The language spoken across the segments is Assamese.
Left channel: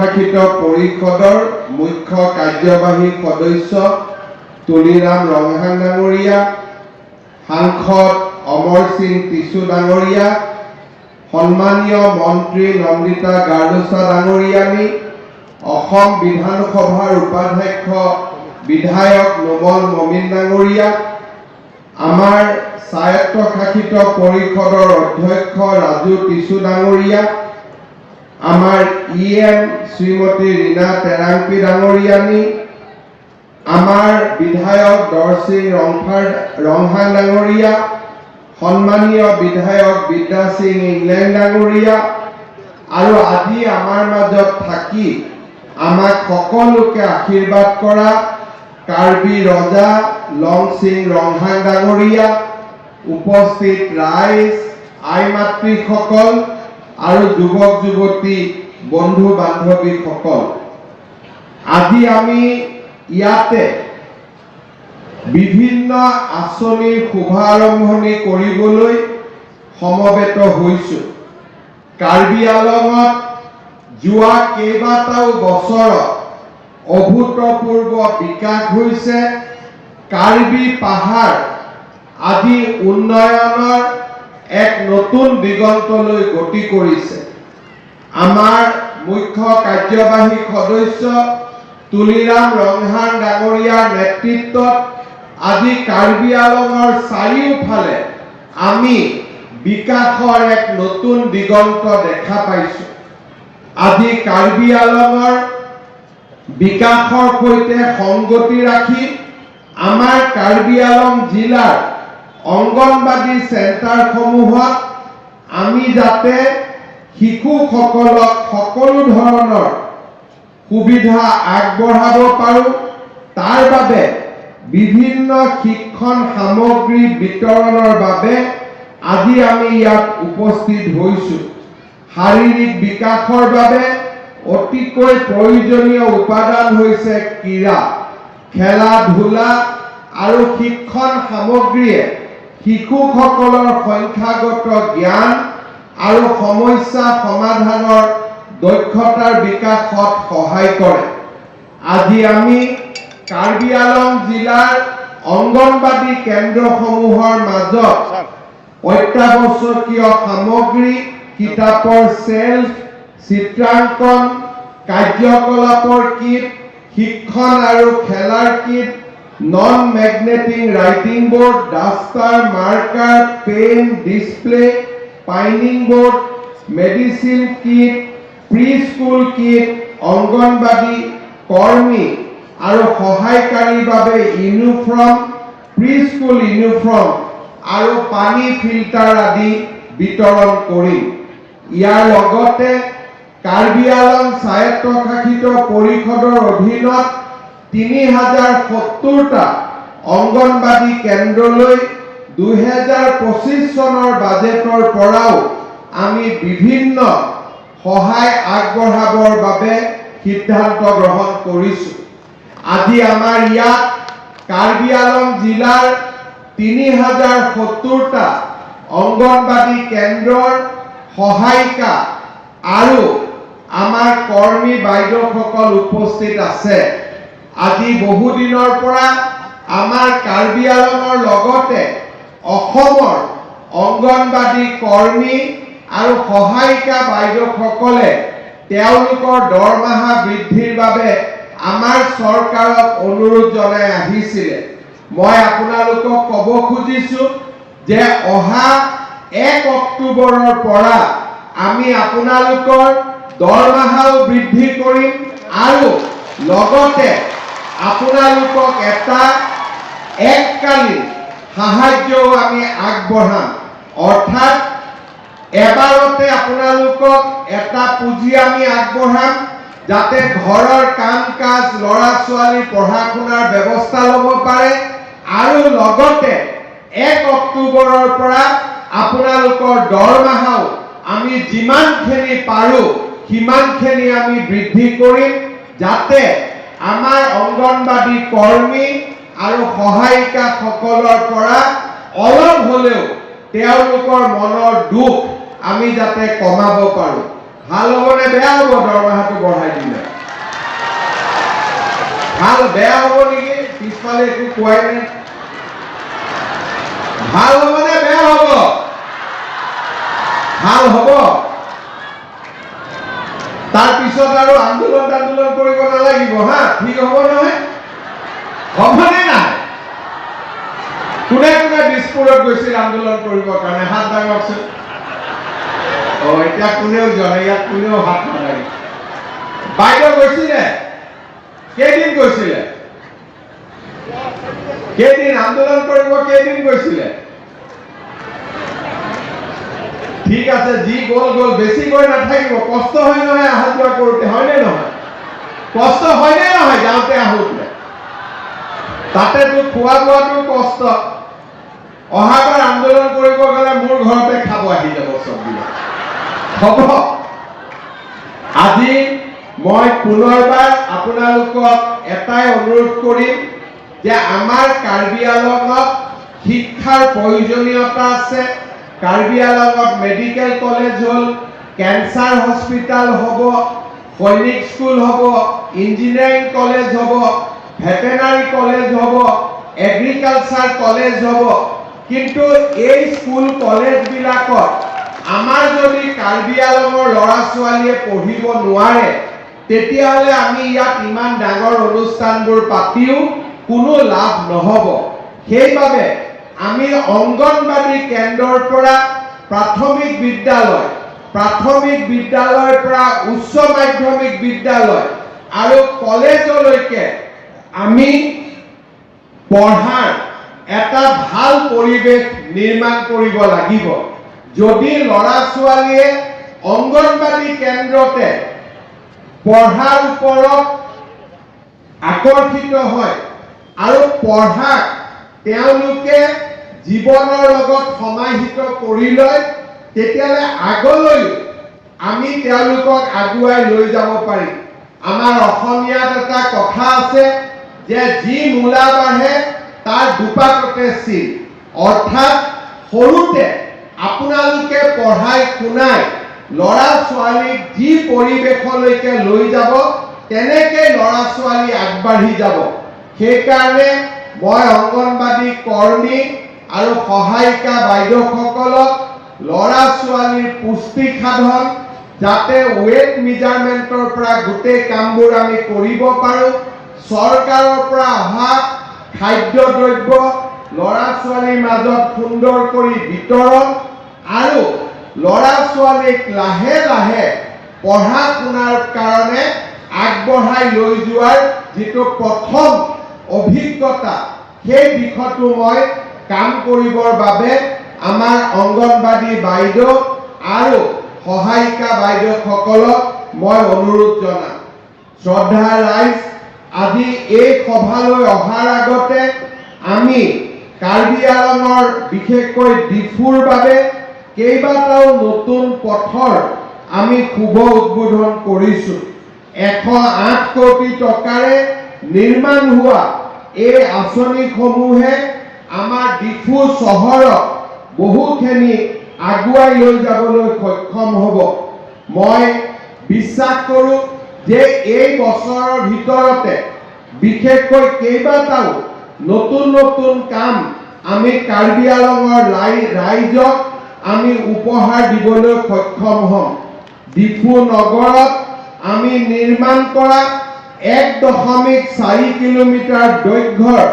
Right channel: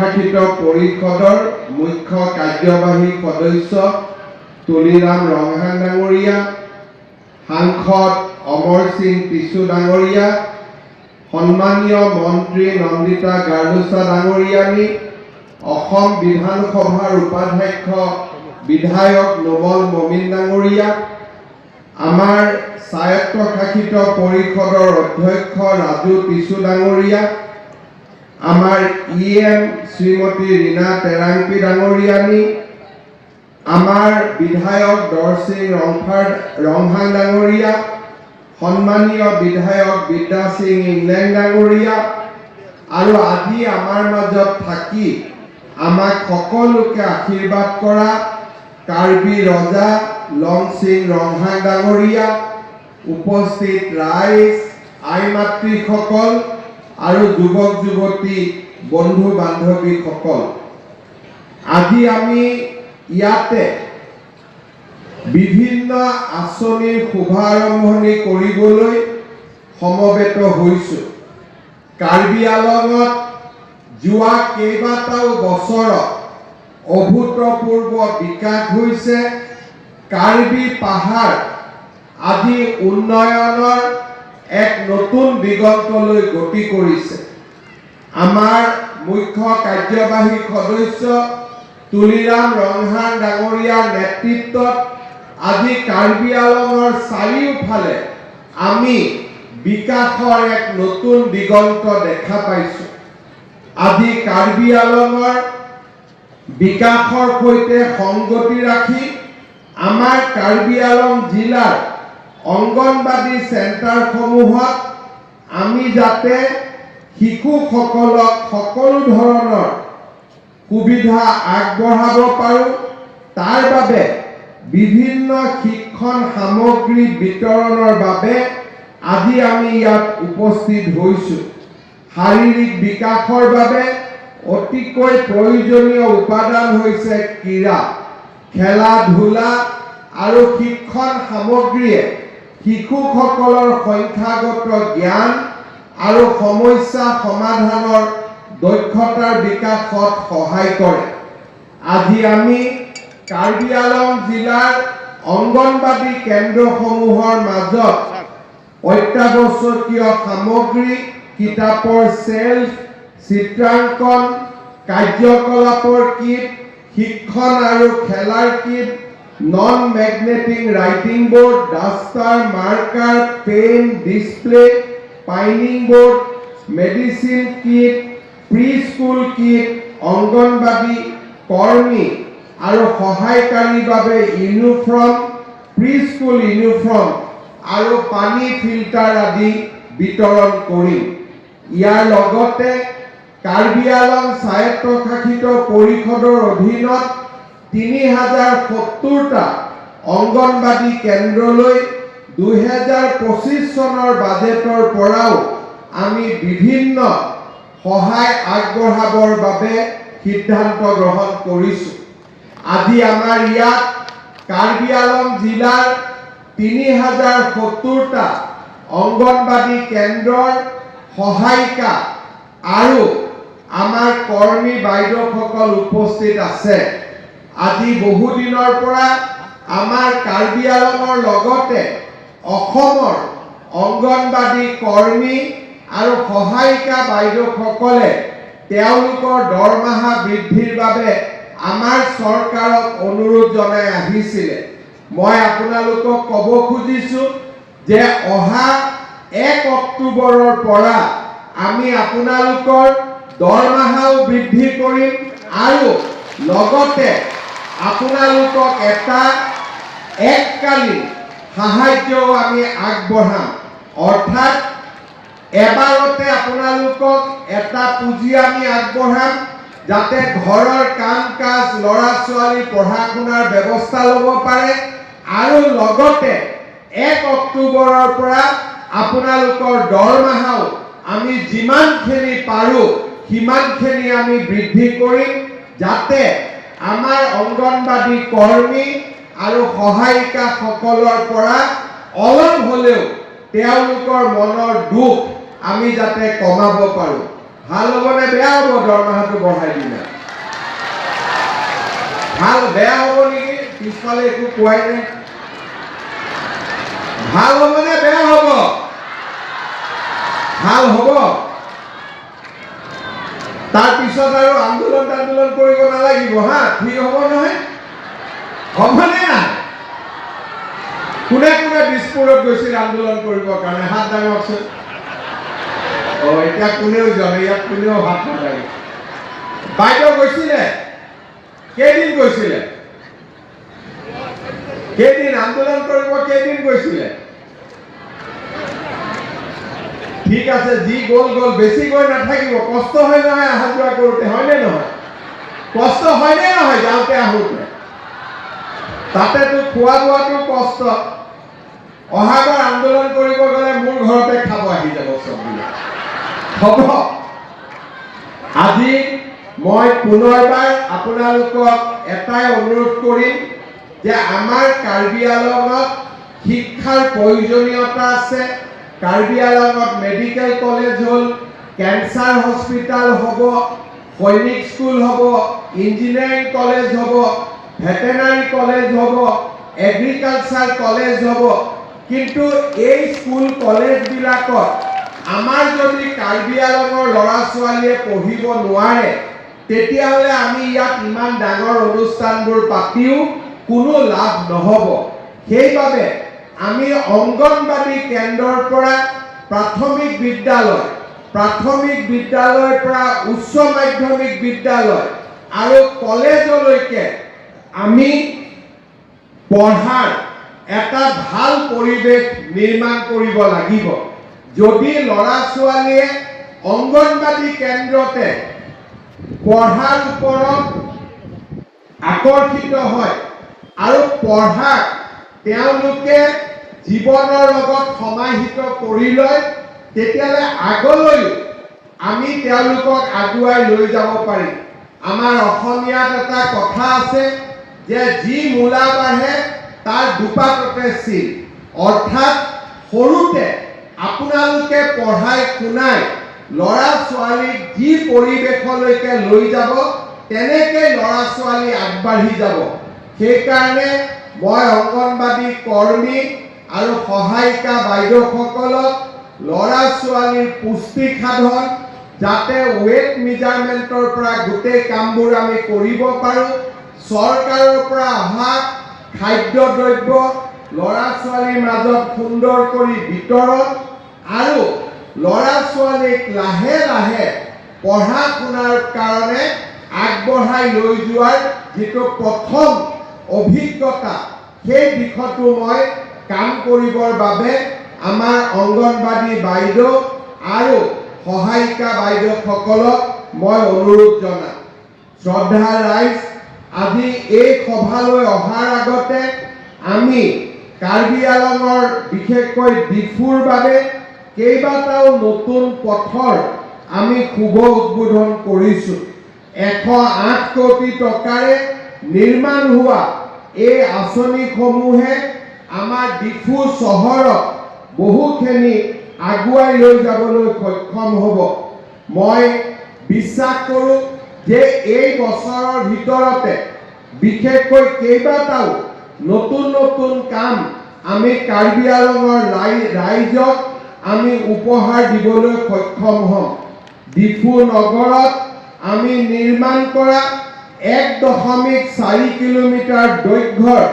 স্বায়ত্তশাসিত পৰিষদৰ মুখ্য কাৰ্যবাহী সদস্য তুলিৰাম ৰংহাং ডাঙৰীয়া, সাংসদ অমৰ সিং টিছু ডাঙৰীয়া, সন্মানীয় মন্ত্ৰী নন্দিতা গাৰ্লুছা ডাঙৰীয়ানী, অসম বিধানসভাৰ উপাধ্যক্ষ বিধায়ক নোমল মমিন ডাঙৰীয়া, আমাৰ স্বায়ত্তশাসিত পৰিষদৰ অধ্যক্ষ ৰাজু টিছু ডাঙৰীয়া, আমাৰ EM শ্ৰীমতী ৰীনা টেৰাংপি ডাঙৰীয়ানী, আমাৰ বিধায়ক দৰসিং ৰংহাং ডাঙৰীয়া, সন্মানীয় বিধায়ক বিদ্যা সিং ইংলেণ্ড ডাঙৰীয়া, আৰু আজি আমাৰ মাজত থাকি আমাক সকলোকে আশীৰ্বাদ কৰা কাৰ্বি ৰজা লং সিং ৰংহাং ডাঙৰীয়া, উপস্থিত ৰাইজ, আই মাতৃসকল আৰু যুৱক যুৱতী বন্ধু বান্ধৱীসকল, আজি আমি ইয়াতে বিভিন্ন আঁচনিৰ শুভাৰম্ভণি কৰিবলৈ সমবেত হৈছোঁ। কাৰ্বি আংলঙত যোৱা কেইবাটাও বছৰত অভূতপূৰ্ব বিকাশ হৈছে। কাৰ্বি পাহাৰ আজি উন্নয়নৰ এক নতুন দিগন্তলৈ গতি কৰিছে। আমাৰ মুখ্য কাৰ্যবাহী সদস্য তুলিৰাম ৰংহাং ডাঙৰীয়াৰ নেতৃত্বত আজি কাৰ্বি আংলঙৰ চাৰিওফালে আমি বিকাশৰ এক নতুন দিগন্ত দেখা পাইছোঁ। আজি কাৰ্বি আংলঙৰ বিকাশৰ সৈতে সংগতি ৰাখি আমাৰ কাৰ্বি আংলং জিলাৰ অংগনবাদী চেণ্টাৰসমূহত আমি যাতে শিশুসকলক সকলো ধৰণৰ সুবিধা আগবঢ়াব পাৰোঁ, তাৰ বাবে বিভিন্ন শিক্ষণ সামগ্ৰী বিতৰণৰ বাবে আজি আমি ইয়াত উপস্থিত হৈছোঁ। শাৰীৰিক বিকাশৰ বাবে অতিকৈ প্ৰয়োজনীয় উপাদান হৈছে ক্ৰীড়া, খেলা ধূলা আৰু শিক্ষণ সামগ্ৰীয়ে শিশুসকলৰ সংখ্যাগত জ্ঞান আৰু সমস্যা সমাধানৰ দক্ষতাৰ বিকাশত সহায় কৰে। আজি আমি কাৰ্বি আংলং জিলাৰ অংগনবাদী কেন্দ্ৰসমূহৰ মাজত অত্যাৱশ্যকীয় সামগ্ৰী, কিতাপৰ চেল্ফ, চিত্ৰাংকন, কাৰ্যকলাপৰ কিট, শিক্ষণ আৰু খেলাৰ kit, non magnetic writing board, duster, marker, pen, display, pinning board, medicine kit, pre school kit, Anganwadi কৰ্মী আৰু সহায়কাৰীৰ বাবে ইউনিফৰ্ম, প্ৰি স্কুল ইউনিফৰ্ম আৰু পানী ফিল্টাৰ আদি বিতৰণ কৰিম। ইয়াৰ লগতে কাৰ্বি আংলং স্বায়ত্তশাসিত পৰিষদৰ অধীনত 3070টা অংগনবাদী কেন্দ্ৰলৈ 2025 চনৰ বাজেটৰ পৰাও আমি বিভিন্ন সহায় আগবঢ়াবৰ বাবে সিদ্ধান্ত গ্ৰহণ কৰিছোঁ। আজি আমাৰ ইয়াত কাৰ্বি আংলং জিলাৰ 3070টা অংগনবাদী কেন্দ্ৰৰ সহায়িকা আৰু আমাৰ কৰ্মী বাইদেউসকল উপস্থিত আছে। আজি বহুদিনৰ পৰা আমাৰ কাৰ্বি আংলঙৰ লগতে অসমৰ অংগনবাদী কৰ্মী আৰু সহায়িকা বাইদেউসকলে তেওঁলোকৰ দৰমহা বৃদ্ধিৰ বাবে আমাৰ চৰকাৰক অনুৰোধ জনাই আহিছিলে। মই আপোনালোকক ক'ব খুজিছোঁ যে অহা 1 অক্টোবৰৰ পৰা আমি আপোনালোকৰ দৰমহাও বৃদ্ধি কৰিম আৰু লগতে আপোনালোকক এটা এককালীন সাহায্যও আমি আগবঢ়াম। অৰ্থাৎ এবাৰতে আপোনালোকক এটা পুঁজি আমি আগবঢ়াম যাতে ঘৰৰ কাম কাজ, ল'ৰা ছোৱালী পঢ়া শুনাৰ ব্যৱস্থা ল'ব পাৰে আৰু লগতে 1 অক্টোবৰৰ পৰা আপোনালোকৰ দৰমহাও আমি যিমানখিনি পাৰোঁ সিমানখিনি আমি বৃদ্ধি কৰিম যাতে আমাৰ অংগনবাদী কৰ্মী আৰু সহায়িকাসকলৰ পৰা অলপ হ'লেও তেওঁলোকৰ মনৰ দুখ আমি যাতে কমাব পাৰোঁ। ভাল হ'বনে বেয়া হ'ব দৰমহাটো বঢ়াই দিলে? ভাল বেয়া হ'ব নেকি? পিছফালে একো কোৱাই নাই। ভাল হ'বনে বেয়া হ'ব? ভাল হ'ব। তাৰপিছত আৰু আন্দোলন কৰিব নালাগিব হা, ঠিক হ'ব নহয়? হ'বনে নাই? কোনে কোনে দিছপুৰত গৈছিল আন্দোলন কৰিবৰ কাৰণে হাত দাঙকচোন। এতিয়া কোনেও যোৱা ইয়াত কোনেও হাত নালাগে। বাইদেউ গৈছিলে? কেইদিন গৈছিলে? কেইদিন আন্দোলন কৰিব কেইদিন গৈছিলে? ঠিক আছে, যি গ'ল গ'ল, বেছি গৈ নাথাকিব। কষ্ট হয় নহয় অহা যোৱা কৰোঁতে, হয়নে নহয়? কষ্ট হয়নে নহয় যাওঁতে আহোঁতে? তাতেতো খোৱা বোৱাটো কষ্ট। অহাবাৰ আন্দোলন কৰিব গ'লে মোৰ ঘৰতে খাব আহি যাব চববিলাক। হ'ব। আজি মই পুনৰবাৰ আপোনালোকক এটাই অনুৰোধ কৰিম যে আমাৰ কাৰ্বি আংলঙত শিক্ষাৰ প্ৰয়োজনীয়তা আছে। কাৰ্বি আংলঙত মেডিকেল কলেজ হ'ল, কেঞ্চাৰ হস্পিটাল হ'ব, সৈনিক স্কুল হ'ব, ইঞ্জিনিয়াৰিং কলেজ হ'ব, ভেটেনাৰী কলেজ হ'ব, এগ্ৰিকালচাৰ কলেজ হ'ব। কিন্তু এই স্কুল কলেজবিলাকত আমাৰ যদি কাৰ্বি আংলঙৰ ল'ৰা ছোৱালীয়ে পঢ়িব নোৱাৰে, তেতিয়াহ'লে আমি ইয়াত ইমান ডাঙৰ অনুষ্ঠানবোৰ পাতিও কোনো লাভ নহ'ব। সেইবাবে আমি অংগনবাদী কেন্দ্ৰৰ পৰা প্ৰাথমিক বিদ্যালয়ৰ পৰা উচ্চ মাধ্যমিক বিদ্যালয় আৰু কলেজলৈকে আমি পঢ়াৰ এটা ভাল পৰিৱেশ নিৰ্মাণ কৰিব লাগিব। যদি ল'ৰা ছোৱালীয়ে অংগনবাদী কেন্দ্ৰতে পঢ়াৰ ওপৰত আকৰ্ষিত হয় আৰু পঢ়াক তেওঁলোকে জীৱনৰ লগত সমাহিত কৰি লয়, তেতিয়াহ'লে আগলৈ আমি তেওঁলোকক আগুৱাই লৈ যাব পাৰিম। আমাৰ অসমীয়াত এটা কথা আছে যে যি মূলা বাঢ়ে তাৰ দুপাততে চিন। অৰ্থাৎ সৰুতে আপোনালোকে পঢ়াই শুনাই ল'ৰা ছোৱালীক যি পৰিৱেশলৈকে লৈ যাব, তেনেকৈ ল'ৰা ছোৱালী আগবাঢ়ি যাব। সেইকাৰণে মই অংগনবাদী কৰ্মী আৰু সহায়িকা বাইদেউসকলক ল'ৰা ছোৱালীৰ পুষ্টি সাধন, যাতে ৱেট মেজাৰমেণ্টৰ পৰা গোটেই কামবোৰ আমি কৰিব পাৰোঁ, চৰকাৰৰ পৰা অহা খাদ্যদ্ৰব্য ল'ৰা ছোৱালীৰ মাজত সুন্দৰ কৰি বিতৰণ আৰু ল'ৰা ছোৱালীক লাহে লাহে পঢ়া শুনাৰ কাৰণে আগবঢ়াই লৈ যোৱাৰ যিটো প্ৰথম অভিজ্ঞতা, সেই দিশতো মই কাম কৰিবৰ বাবে আমাৰ অংগনবাদী বাইদেউ আৰু সহায়িকা বাইদেউসকলক মই অনুৰোধ জনাম। শ্ৰদ্ধা ৰাইজ, আজি এই সভালৈ অহাৰ আগতে আমি কাৰ্বি আংলঙৰ বিশেষকৈ ডিফুৰ বাবে কেইবাটাও নতুন পথৰ আমি শুভ উদ্বোধন কৰিছোঁ। 108 কোটি টকাৰে নিৰ্মাণ হোৱা এই আঁচনিসমূহে আমাৰ ডিফু চহৰক বহুখিনি আগুৱাই লৈ যাবলৈ সক্ষম হ'ব। মই বিশ্বাস কৰোঁ যে এই বছৰৰ ভিতৰতে বিশেষকৈ কেইবাটাও নতুন নতুন কাম আমি কাৰ্বি আংলঙৰ ৰাইজক আমি উপহাৰ দিবলৈ সক্ষম হ'ম। ডিফু নগৰত আমি নিৰ্মাণ কৰা 1.4 কিলোমিটাৰ দৈৰ্ঘ্যৰ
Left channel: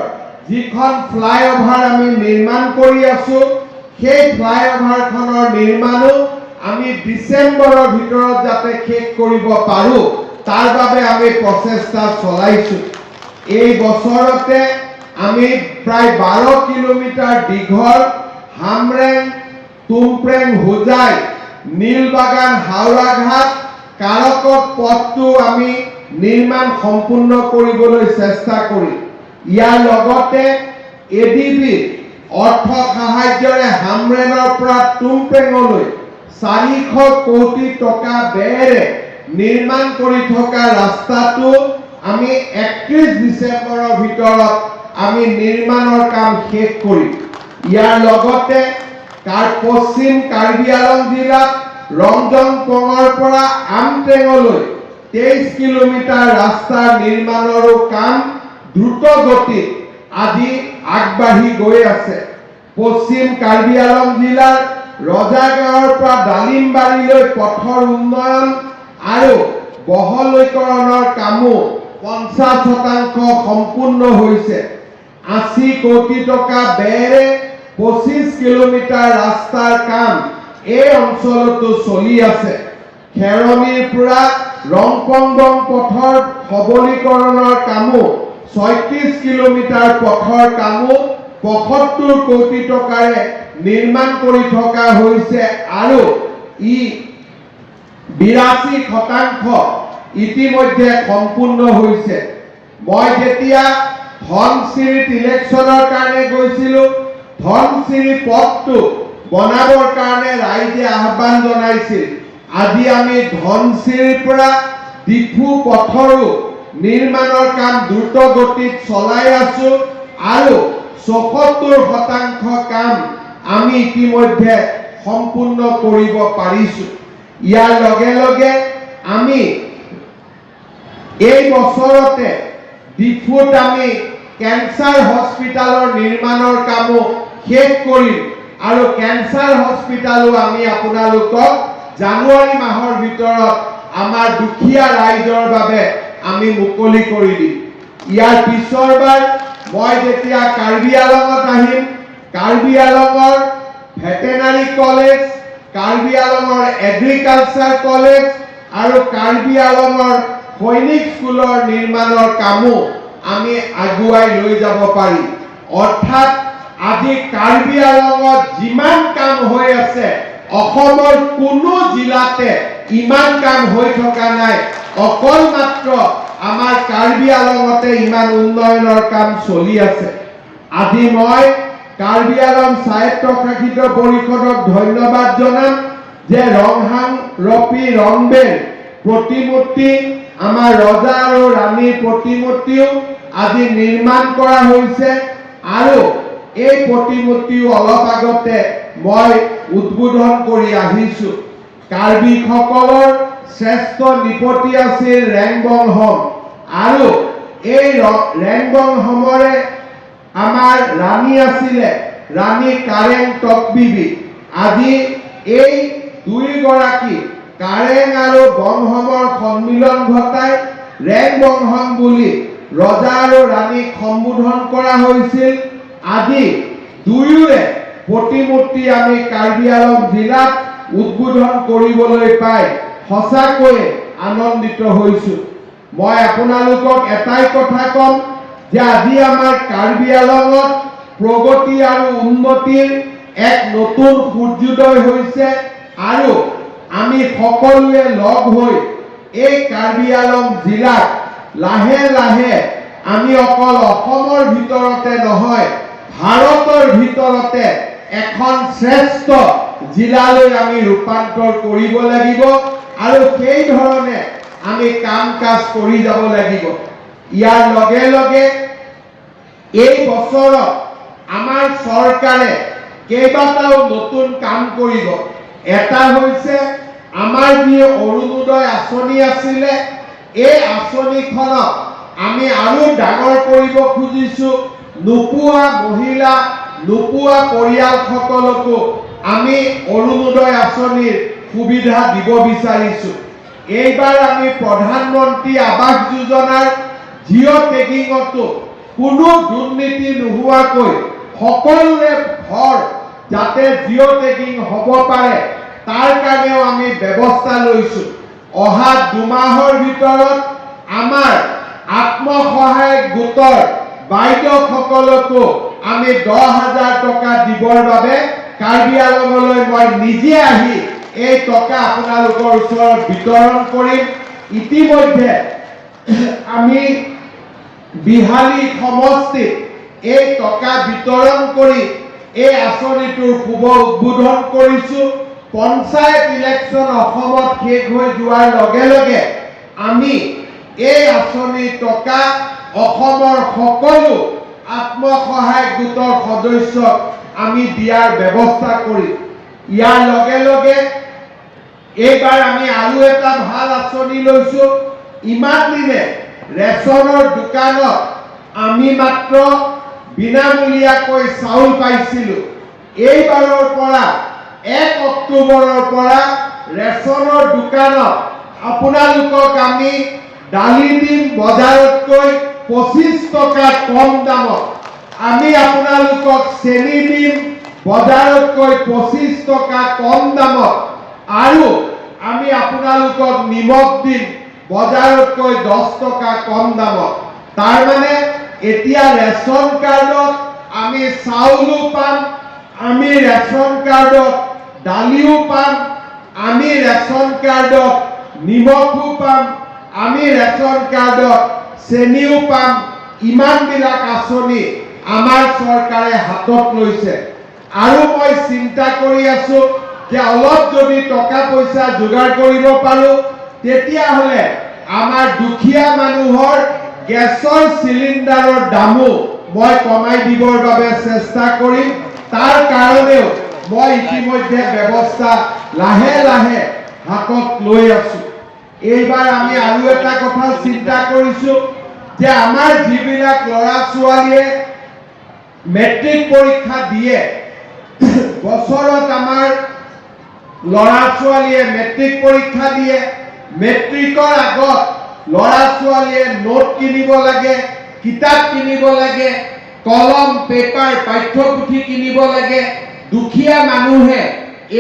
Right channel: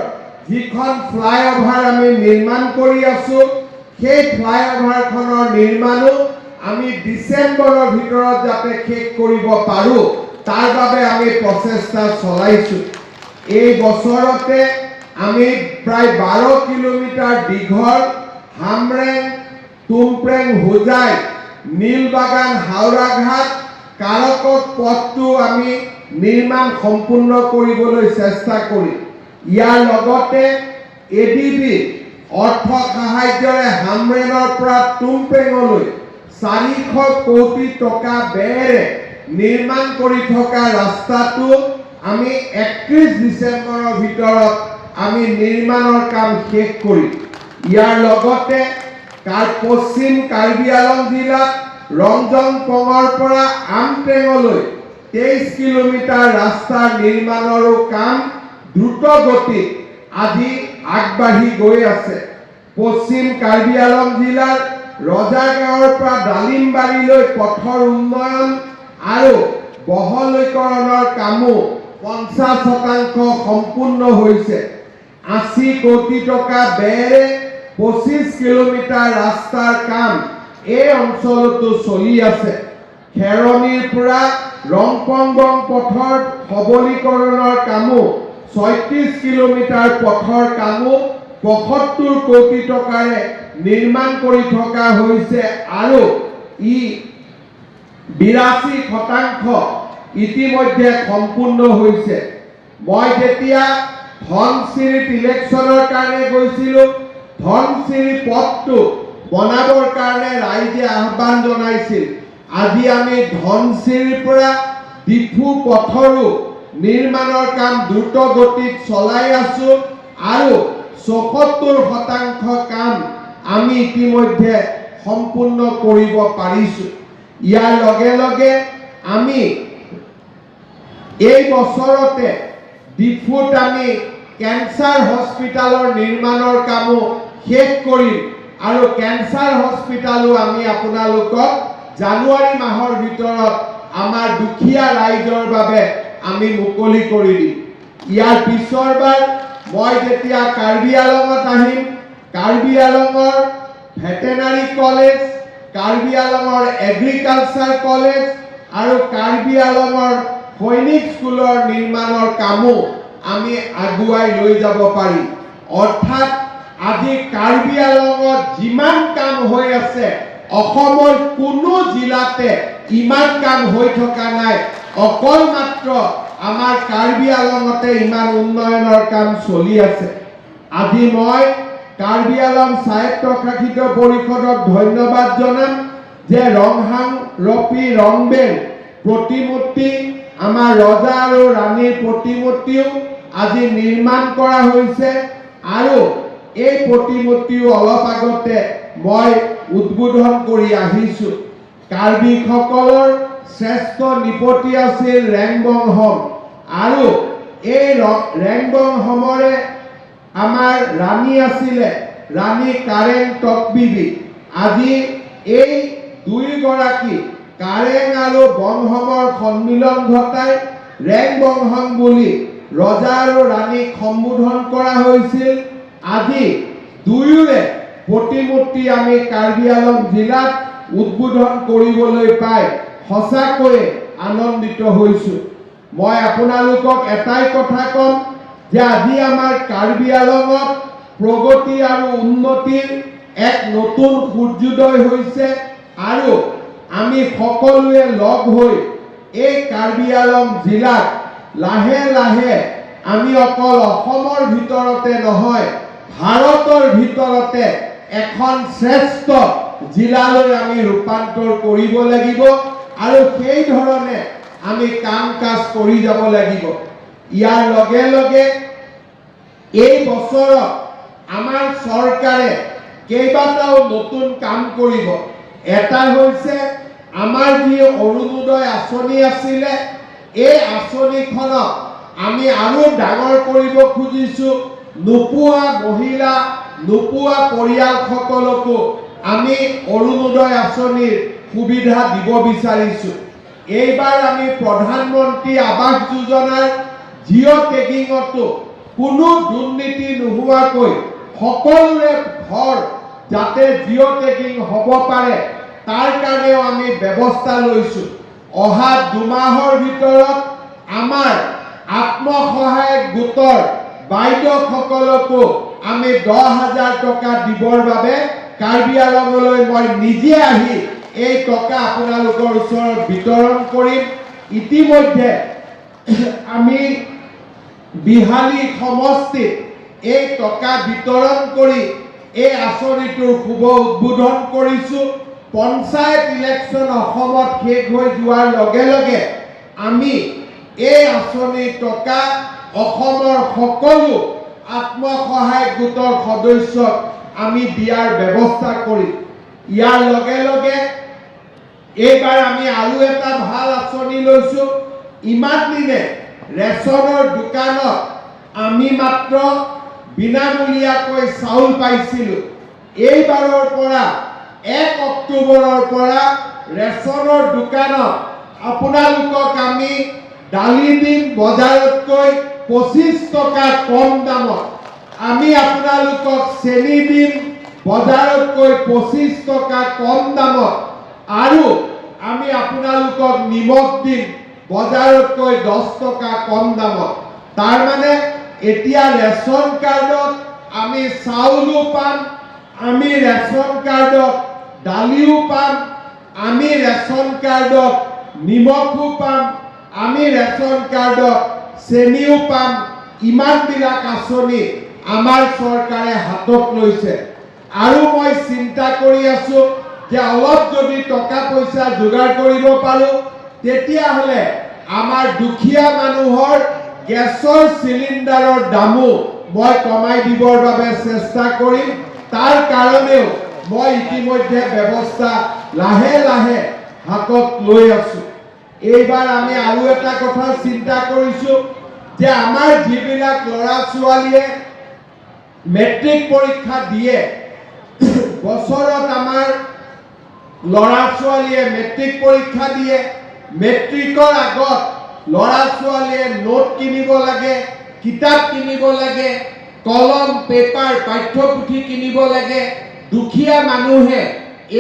যিখন ফ্লাইঅভাৰ আমি নিৰ্মাণ কৰি আছোঁ, সেই ফ্লাইঅভাৰখনৰ নিৰ্মাণো আমি ডিচেম্বৰৰ ভিতৰত যাতে শেষ কৰিব পাৰোঁ, তাৰ বাবে আমি প্ৰচেষ্টা চলাইছোঁ। এই বছৰতে আমি প্ৰায় 12 কিলোমিটাৰ দীঘল হামৰেং, তুমপ্ৰেং, হোজাই, নীলবাগান, হাওৰাঘাট, কাৰকট পথটো আমি নিৰ্মাণ সম্পূৰ্ণ কৰিবলৈ চেষ্টা কৰিম। ইয়াৰ লগতে এডিবি অৰ্থ সাহায্যৰে হামৰেঙৰ পৰা তুমপ্ৰেঙলৈ 400 কোটি টকা ব্যয়েৰে নিৰ্মাণ কৰি থকা ৰাস্তাটো আমি 31 ডিচেম্বৰৰ ভিতৰত আমি নিৰ্মাণৰ কাম শেষ কৰিম। ইয়াৰ লগতে পশ্চিম কাৰ্বি আংলং জিলাত ৰঞ্জনপুৰৰ পৰা আমটেঙলৈ 23 কিলোমিটাৰ ৰাস্তাৰ নিৰ্মাণৰো কাম দ্ৰুত গতিত আজি আগবাঢ়ি গৈ আছে। পশ্চিম কাৰ্বি আংলং জিলাৰ ৰজাগাঁৱৰ পৰা ডালিমবাৰীলৈ পথৰ উন্নয়ন আৰু বহলীকৰণৰ কামো 50% সম্পূৰ্ণ হৈছে। 80 কোটি টকা ব্যয়েৰে 25 কিলোমিটাৰ ৰাস্তাৰ কাম এই অঞ্চলতো চলি আছে। খেৰণীৰ পৰা ৰংপংবং পথৰ সবলীকৰণৰ কামো 36 কিলোমিটাৰ পথৰ কামো 75 কোটি টকাৰে নিৰ্মাণ কৰি থকা হৈছে আৰু ই 82% ইতিমধ্যে সম্পূৰ্ণ হৈছে। মই যেতিয়া ধনচিৰিত ইলেকশ্যনৰ কাৰণে গৈছিলো, ধনচিৰি পথটো বনাবৰ কাৰণে ৰাইজে আহ্বান জনাইছিল। আজি আমি ধনচিৰিৰ পৰা ডিফু পথৰো নিৰ্মাণৰ কাম দ্ৰুত গতিত চলাই আছো আৰু 74% কাম আমি ইতিমধ্যে সম্পূৰ্ণ কৰিব পাৰিছো। ইয়াৰ লগে লগে আমি এই বছৰতে ডিফুত আমি কেন্সাৰ হস্পিটালৰ নিৰ্মাণৰ কামো শেষ কৰিম আৰু কেন্সাৰ হস্পিটালো আমি আপোনালোকক জানুৱাৰী মাহৰ ভিতৰত আমাৰ দুখীয়া ৰাইজৰ বাবে আমি মুকলি কৰি দিম। ইয়াৰ পিছৰবাৰ মই যেতিয়া কাৰ্বি আংলঙত আহিম, কাৰ্বি আংলঙৰ ভেটেনাৰী কলেজ, কাৰ্বি আংলঙৰ এগ্ৰিকালচাৰ কলেজ আৰু কাৰ্বি আংলঙৰ সৈনিক স্কুলৰ নিৰ্মাণৰ কামো আমি আগুৱাই লৈ যাব পাৰি। অৰ্থাৎ আজি কাৰ্বি আংলঙত যিমান কাম হৈ আছে, অসমৰ কোনো জিলাতে ইমান কাম হৈ থকা নাই। অকল মাত্ৰ আমাৰ কাৰ্বি আংলঙতে ইমান উন্নয়নৰ কাম চলি আছে। আজি মই কাৰ্বি আংলং স্বায়ত্তশাসিত পৰিষদক ধন্যবাদ জনাম যে ৰংহাং ৰপি ৰংবেৰ প্ৰতিমূৰ্তি, আমাৰ ৰজা আৰু ৰাণীৰ প্ৰতিমূৰ্তিও আজি নিৰ্মাণ কৰা হৈছে আৰু এই প্ৰতিমূৰ্তিও অলপ আগতে মই উদ্বোধন কৰি আহিছো। কাৰ্বিসকলৰ শ্ৰেষ্ঠ নৃপতি আছিল ৰেংবংহম আৰু এই ৰেংবংহমৰে আমাৰ ৰাণী আছিলে ৰাণী কাৰেং টকবিবি। আজি এই দুইগৰাকী কাৰেং আৰু বংহমৰ সন্মিলন ঘটাই ৰেংবংহম বুলি ৰজা আৰু ৰাণীক সম্বোধন কৰা হৈছিল। আজি দুয়োৰে প্ৰতিমূৰ্তি আমি কাৰ্বি আংলং জিলাত উদ্বোধন কৰিবলৈ পাই সঁচাকৈয়ে আনন্দিত হৈছো। মই আপোনালোকক এটাই কথা কম যে আজি আমাৰ কাৰ্বি আংলঙত প্ৰগতি আৰু উন্নতিৰ এক নতুন সূৰ্যোদয় হৈছে আৰু আমি সকলোৱে লগ হৈ এই কাৰ্বি আংলং জিলাত লাহে লাহে আমি অকল অসমৰ ভিতৰতে নহয়, ভাৰতৰ ভিতৰতে এখন শ্ৰেষ্ঠ জিলালৈ আমি ৰূপান্তৰ কৰিব লাগিব আৰু সেই ধৰণে আমি কাম কাজ কৰি যাব লাগিব। ইয়াৰ লগে লগে এই বছৰত আমাৰ চৰকাৰে কেইবাটাও নতুন কাম কৰিব। এটা হৈছে আমাৰ যি অৰুণোদয় আঁচনি আছিলে, এই আঁচনিখনক আমি আৰু ডাঙৰ কৰিব খুজিছো। নোপোৱা মহিলা, নোপোৱা পৰিয়ালসকলকো আমি অৰুণোদয় আঁচনিৰ সুবিধা দিব বিচাৰিছো। এইবাৰ আমি প্ৰধানমন্ত্ৰী আৱাস যোজনাৰ জিঅ' টেগিঙতো কোনো দুৰ্নীতি নোহোৱাকৈ সকলোৰে ঘৰ যাতে জিঅ' টেগিং হ'ব পাৰে তাৰ কাৰণেও আমি ব্যৱস্থা লৈছো। অহা 2 মাহৰ ভিতৰত আমাৰ আত্মসহায়ক গোটৰ বাইদেউসকলকো আমি 10,000 টকা দিবৰ বাবে কাৰ্বি আংলঙলৈ মই নিজে আহি এই টকা আপোনালোকৰ ওচৰত বিতৰণ কৰিম। ইতিমধ্যে আমি বিহালী সমষ্টিত এই টকা বিতৰণ কৰি এই আঁচনিটোৰ শুভ উদ্বোধন কৰিছো। পঞ্চায়ত ইলেকশ্যন অসমত শেষ হৈ যোৱাৰ লগে লগে আমি এই আঁচনিৰ টকা অসমৰ সকলো আত্মসহায়ক গোটৰ সদস্যক আমি দিয়াৰ ব্যৱস্থা কৰিম। ইয়াৰ লগে লগে এইবাৰ আমি আৰু এটা ভাল আঁচনি লৈছো। ইমান দিনে ৰেচনৰ দোকানত আমি মাত্ৰ বিনামূলীয়াকৈ চাউল পাইছিলো। এইবাৰৰ পৰা 1 অক্টোবৰৰ পৰা ৰেচনৰ দোকানত আপোনালোকক আমি দালি দিম বজাৰতকৈ 25 টকা কম দামত। আমি আপোনালোকক চেনি দিম বজাৰতকৈ 25 টকা কম দামত। আৰু আমি আপোনালোকক নিমখ দিম বজাৰতকৈ 10 টকা কম দামত। তাৰ মানে এতিয়া ৰেচন কাৰ্ডত আমি চাউলো পাম, আমি ৰেচন কাৰ্ডত দালিও পাম, আমি ৰেচন কাৰ্ডত নিমখো পাম, আমি ৰেচন কাৰ্ডত চেনিও পাম। ইমানবিলাক আঁচনি আমাৰ চৰকাৰে হাতত লৈছে। আৰু মই চিন্তা কৰি আছো যে অলপ যদি টকা পইচা যোগাৰ কৰিব পাৰো তেতিয়াহ'লে আমাৰ দুখীয়া মানুহৰ গেছৰ চিলিণ্ডাৰৰ দামো মই কমাই দিবৰ বাবে চেষ্টা কৰিম। তাৰ কাৰণেও মই ইতিমধ্যে ব্যৱস্থা লাহে লাহে হাতত লৈ আছো। এইবাৰ আমি আৰু এটা কথা চিন্তা কৰিছো যে আমাৰ যিবিলাক ল'ৰা ছোৱালীয়ে মেট্ৰিক পৰীক্ষা দিয়ে, বছৰত আমাৰ ল'ৰা ছোৱালীয়ে মেট্ৰিক পৰীক্ষা দিয়ে। মেট্ৰিকৰ আগত ল'ৰা ছোৱালীয়ে নোট কিনিব লাগে, কিতাপ কিনিব লাগে, কলম পেপাৰ পাঠ্যপুথি কিনিব লাগে। দুখীয়া মানুহে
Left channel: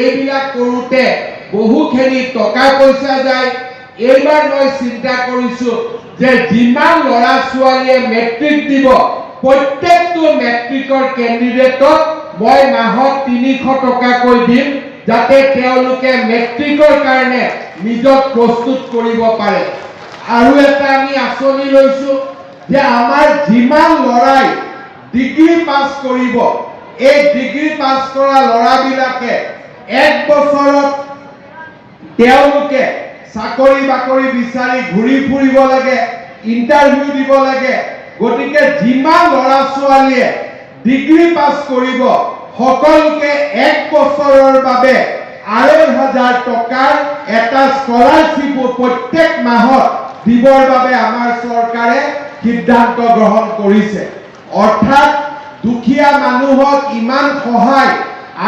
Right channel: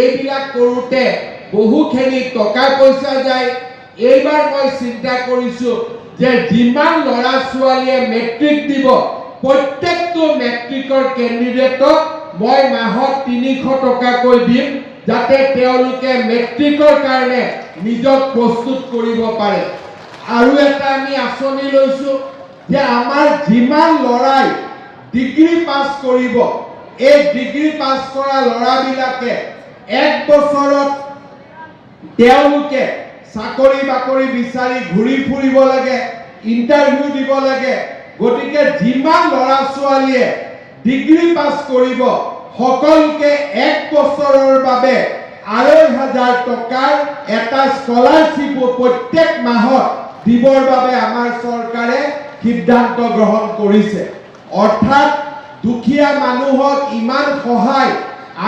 এইবিলাক কৰোঁতে বহুখিনি টকা পইচা যায়। এইবাৰ মই চিন্তা কৰিছো যে যিমান ল'ৰা ছোৱালীয়ে মেট্ৰিক দিব প্ৰত্যেকটো মেট্ৰিকৰ কেণ্ডিডেটক মই মাহত 300 টকাকৈ দিম, যাতে তেওঁলোকে মেট্ৰিকৰ কাৰণে নিজক প্ৰস্তুত কৰিব পাৰে। আৰু এটা আমি আঁচনি লৈছো যে আমাৰ যিমান ল'ৰাই ডিগ্ৰী পাছ কৰিব, এই ডিগ্ৰী পাছ কৰা ল'ৰাবিলাকে 1 বছৰত তেওঁলোকে চাকৰি বাকৰি বিচাৰি ঘূৰি ফুৰিব লাগে, ইণ্টাৰভিউ দিব লাগে। গতিকে যিমান ল'ৰা ছোৱালীয়ে ডিগ্ৰী পাছ কৰিব সকলোকে 1 বছৰৰ বাবে 2,500 টকাৰ এটা স্কলাৰশ্বিপ প্ৰত্যেক মাহত দিবৰ বাবে আমাৰ চৰকাৰে সিদ্ধান্ত গ্ৰহণ কৰিছে। অৰ্থাৎ দুখীয়া মানুহক ইমান সহায়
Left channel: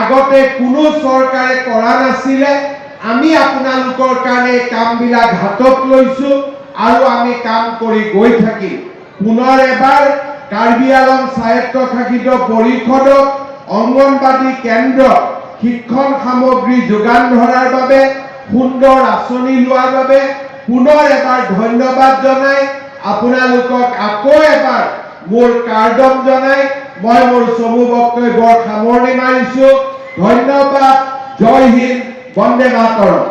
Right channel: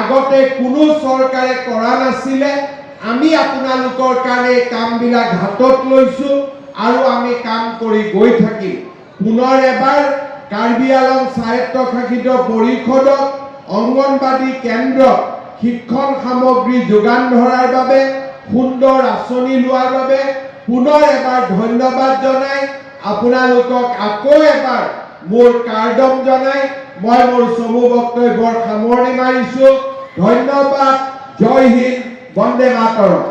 আগতে কোনো চৰকাৰে কৰা নাছিলে। আমি আপোনালোকৰ কাৰণে কামবিলাক হাতত লৈছো আৰু আমি কাম কৰি গৈ থাকিম। পুনৰ এবাৰ কাৰ্বি আংলং স্বায়ত্তশাসিত পৰিষদক অংগনবাদী কেন্দ্ৰ শিক্ষণ সামগ্ৰী যোগান ধৰাৰ বাবে, সুন্দৰ আঁচনি লোৱাৰ বাবে পুনৰ এবাৰ ধন্যবাদ জনাই আপোনালোকক আকৌ এবাৰ মোৰ কাৰ্ডম জনাই মই মোৰ চমু বক্তব্যৰ সামৰণি মাৰিছো। ধন্যবাদ। জয় হিন্দ, বন্দে মাতৰম।